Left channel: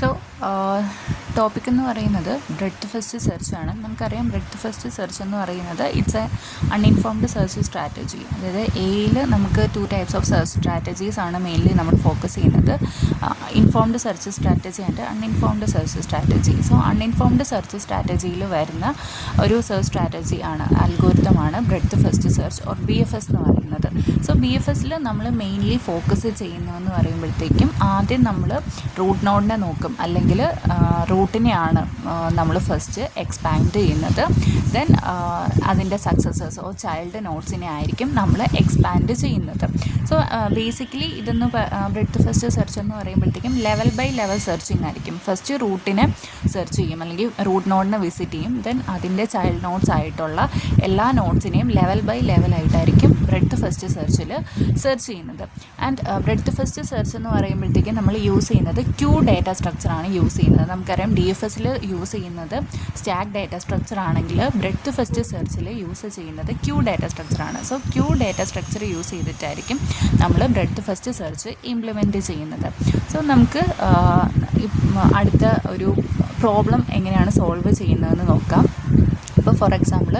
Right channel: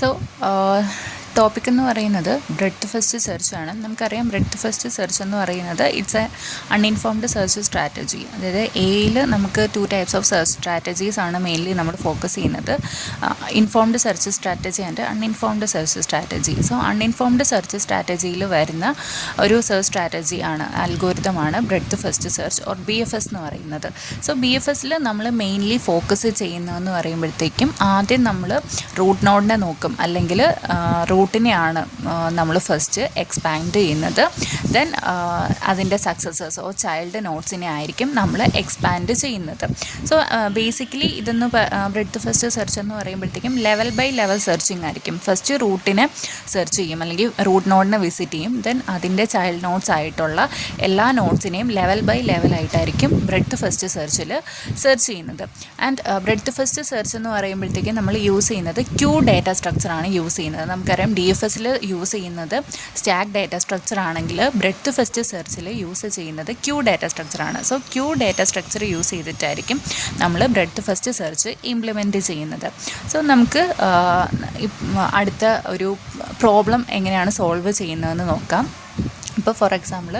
So topic എന്ന് പറയുന്നത് breadth first search ആണ്. നമുക്കറിയാം ബ്രെഡ്ത്ത് ഫസ്റ്റ് സെർച്ച് എന്ന് പറയുന്നത് it's a uninformed search strategy. അതായത് എയിൽ നമുക്ക് 2 ടൈപ്സ് ഓഫ് സെർച്ച് സ്ട്രാറ്റജീസ് ആണ് മെയിൻലി നമ്മൾ ഫോക്കസ് ചെയ്യുന്നത്. Informed search strategy and uninformed search strategy. So uninformed search സ്ട്രാറ്റജിയിൽ വരുന്ന ഒരു സെർച്ച് സ്ട്രാറ്റജി ആണ്, അൽഗോരിതമാണ് breadth first search or BFS എന്ന് പറയുന്നത്. സോ BFSൽ നമ്മൾ മെയിൻലി ഫോക്കസ് ചെയ്യുന്നതെന്ന് പറയുമ്പോഴത്തേക്കും ആദ്യം നമ്മൾ റൂട്ട് നോഡിനെ നോക്കും, അല്ലെങ്കിൽ റൂട്ടിനെയാണ് നമ്മൾ ഫസ്റ്റ് എക്സ്പാൻഡ് ചെയ്യുന്നത്. ദെൻ അതിൻ്റെ സക്സസേഴ്സ് ഓ ചൈൽഡ് നോട്ട്സിനെ ആയിരിക്കും നമ്മൾ എക്സ്പാൻഡ് ചെയ്യുന്നത്. സോ ബേസിക്കലി ഇതൊന്ന് ബ്രെഡ്ത്ത് ഫസ്റ്റ് സെർച്ച് എന്ന് പറയുമ്പോഴത്തേക്കും ലെവൽ ബൈ ലെവൽ സെർച്ചിങ് ആയിരിക്കും. ഫസ്റ്റ് റൂട്ടിനെ സെർച്ച് ചെയ്യും, അല്ലെങ്കിൽ റൂട്ട് നോഡിനെ വിസിറ്റ് ചെയ്യും. ദെൻ അതിൻ്റെ ചൈൽഡ് നോട്ട്സ് ആയിട്ടുള്ള എല്ലാ നോട്ട്സിനെയും ലെവൽ ബൈ ലെവലായിട്ടായിരിക്കും ബ്രെഡ്ത്ത് ഫസ്റ്റ് സെർച്ചിൽ സെർച്ച് ചെയ്യുന്നത്. ആൻഡ് ബ്രെഡ്ത്ത് ഫസ്റ്റ് സെർച്ച് എന്ന് പറയുമ്പോഴത്തേക്കും നമ്മൾ യൂസ് ചെയ്യുന്നത് ക്യൂ ഡാറ്റ സ്ട്രക്ചറാണ് യൂസ് ചെയ്യുന്നത്. നമുക്കറിയാം DFSൽ യൂസ് ചെയ്യുന്നത് സ്റ്റാക്ക് ഡാറ്റ സ്ട്രക്ചർ ആണെങ്കിൽ ബ്രെഡ്ത്ത് ഫസ്റ്റ് സെർച്ചിൽ യൂസ് ചെയ്യുന്നത് ക്യൂ ഡാറ്റ സ്ട്രക്ചറാണ്. So queue data structure use ചെയ്തിട്ടായിരിക്കും നമ്മൾ ബ്രെഡ്ത്ത് ഫസ്റ്റ് സെർച്ച് ഇംപ്ലിമെൻറ്റ് ചെയ്യുന്നത്. സോ നമുക്ക് അടുത്ത ഒരു പ്രോബ്ലം എങ്ങനെയാണ് സോൾവ് ചെയ്യുന്നതെന്ന് നോക്കാം. ഇപ്പോൾ ഫോർ എക്സാമ്പിൾ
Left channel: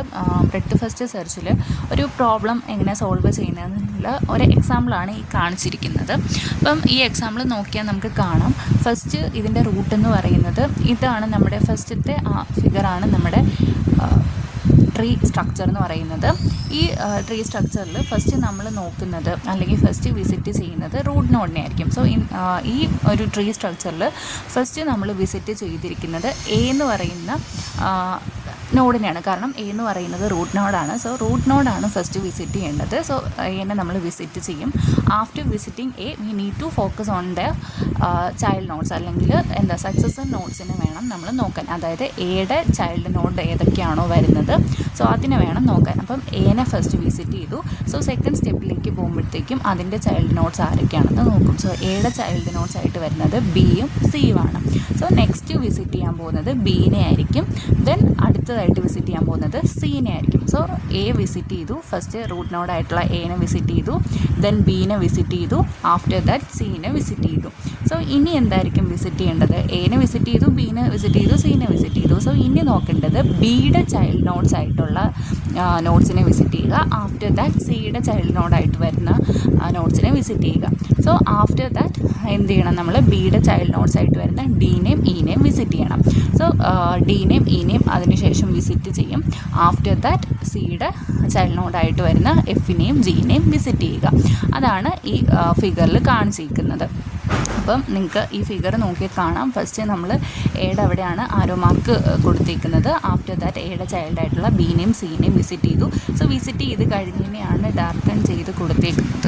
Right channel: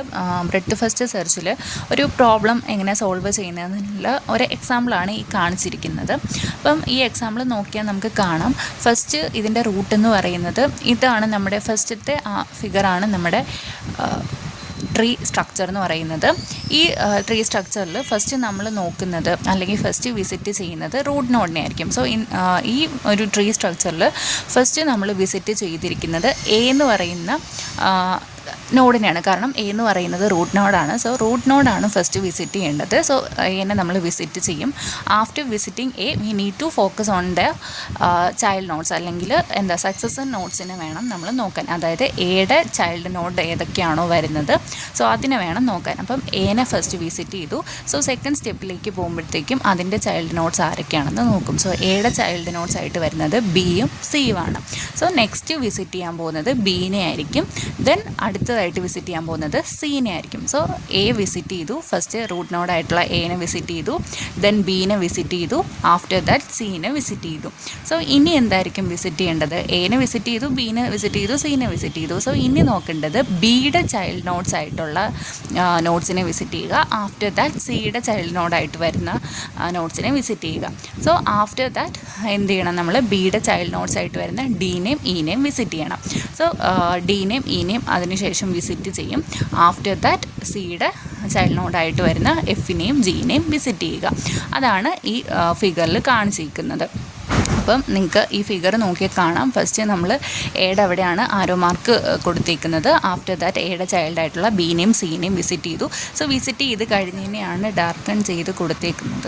ബ്രെഡ്ത്ത് ഫസ്റ്റ് സെർച്ചിൽ ഒരു പ്രോബ്ലം എങ്ങനെ സോൾവ് ചെയ്യുന്നതെന്നുള്ള ഒരു എക്സാമ്പിളാണ് ഈ കാണിച്ചിരിക്കുന്നത്. അപ്പം ഈ എക്സാമ്പിൾ നോക്കിയാൽ നമുക്ക് കാണാം, ഫസ്റ്റ് ഇതിൻ്റെ റൂട്ട് എന്ന് പറയുന്നത് ഇതാണ്. നമ്മുടെ ഫസ്റ്റത്തെ ഫിഗറാണ് നമ്മുടെ ട്രീ സ്ട്രക്ചർ എന്ന് പറയുന്നത്. ഈ ട്രീ സ്ട്രക്ചറിൽ ഫസ്റ്റ് നമ്മൾ നോക്കുന്നത് അല്ലെങ്കിൽ ഫസ്റ്റ് വിസിറ്റ് ചെയ്യുന്നത് റൂട്ട് നോഡിനെ ആയിരിക്കും. സോ ഈ ഒരു ട്രീ സ്ട്രക്ചറിൽ ഫസ്റ്റ് നമ്മൾ വിസിറ്റ് ചെയ്തിരിക്കുന്നത് എ എന്ന് പറയുന്ന നോഡിനെയാണ്. കാരണം എ എന്ന് പറയുന്നത് റൂട്ട് നോഡാണ്. സോ റൂട്ട് നോഡാണ് ഫസ്റ്റ് വിസിറ്റ് ചെയ്യേണ്ടത്. സോ എന്നെ നമ്മൾ വിസിറ്റ് ചെയ്യും. After visiting A we need to focus on the child nodes, അല്ലെങ്കിൽ സക്സസർ നോട്ട്സിനെ വേണം നമ്മൾ നോക്കാൻ. അതായത് എയുടെ ചൈൽഡ് നോഡ് ഏതൊക്കെയാണോ വരുന്നത്, സോ അതിനെ വേണം നോക്കാൻ. അപ്പം എനെ ഫസ്റ്റ് വിസിറ്റ് ചെയ്തു. സോ സെക്കൻഡ് സ്റ്റെപ്പിലേക്ക് പോകുമ്പോഴത്തേക്കും അതിൻ്റെ ചൈൽഡ് നോട്ട്സ് ആരൊക്കെയാണെന്ന് നോക്കും. സോ എയുടെ ചൈൽഡ് നോട്ട്സ് ആയിട്ട് വരുന്നത് ബിയും സിയും ആണ്. സോ നെക്സ്റ്റ് വിസിറ്റ് ചെയ്യാൻ പോകുന്നത് ബീനെ ആയിരിക്കും. ദെൻ അടുത്തതായിട്ട് വിസിറ്റ് ചെയ്യാൻ പോകുന്നത് സീനെ ആയിരിക്കും. സോ എ വിസിറ്റ് ചെയ്തു, ഫസ്റ്റ് റൂട്ട് നോഡായിട്ടുള്ള എനെ വിസിറ്റ് ചെയ്തു, ദെൻ ബീനെ വിസിറ്റ് ചെയ്തു, ആഫ്റ്റർ ദാറ്റ് സീനെ വിസിറ്റ് ചെയ്തു. സോ ഇനി എന്തായിരിക്കും വിസിറ്റ് ചെയ്യേണ്ടത്? എനെ വിസിറ്റ് ചെയ്തു, ബീനെ വിസിറ്റ് ചെയ്തു, സീനെ വിസിറ്റ് ചെയ്തു. സോ ഇനി നോക്കേണ്ടത് ബിയുടെ ചൈൽഡ് നോട്ട്സ് ആയിട്ടുള്ള നോട്ട്സിനെ വിസിറ്റ് ചെയ്യുക. ആഫ്റ്റർ ദാറ്റ് സിയുടെ ചൈൽഡ് നോഡായിട്ട് വരുന്ന നോട്ട്സിനെ വിസിറ്റ് ചെയ്യുക. സോ ആഫ്റ്റർ ദാറ്റ് എന്ത് ചെയ്യണം? നമ്മൾ ബിയുടെ ചൈൽഡ് നോട്ട്സ് ആയിട്ട് വരുന്ന ഡീനെയും ഇനെയും വിസിറ്റ് ചെയ്യണം. സോ ഡീനെയും ഇനെയും അതിനുശേഷം വിസിറ്റ് ചെയ്യും. ആഫ്റ്റർ ദാറ്റ് സിയുടെ ചൈൽഡ് നോഡായിട്ട് വരുന്ന എഫിനെയും ജിനെയും വിസിറ്റ് ചെയ്യുക. അതാണ് ഈ ഫിഗറിൽ കാണിച്ചിരിക്കുന്നത്. അപ്പം നിങ്ങൾക്ക് ഈ ഫിഗർ നോക്കിയാൽ കാണാം, ഫസ്റ്റ് നമ്മൾ എയുടെ അവിടെയാണ് ആരോ മാർക്ക് കൊടുത്തേക്കുന്നത്. ആഫ്റ്റർ ദാറ്റ് എയുടെ ചൈൽഡായിട്ടുള്ള ബീനെയും സീനെയും വിസിറ്റ് ചെയ്തു. സോ വിസിറ്റ് ചെയ്ത് കഴിഞ്ഞതിനെയാണ് ഡാർക്കൺ ചെയ്ത് കൊടുത്തേക്കുന്നത്.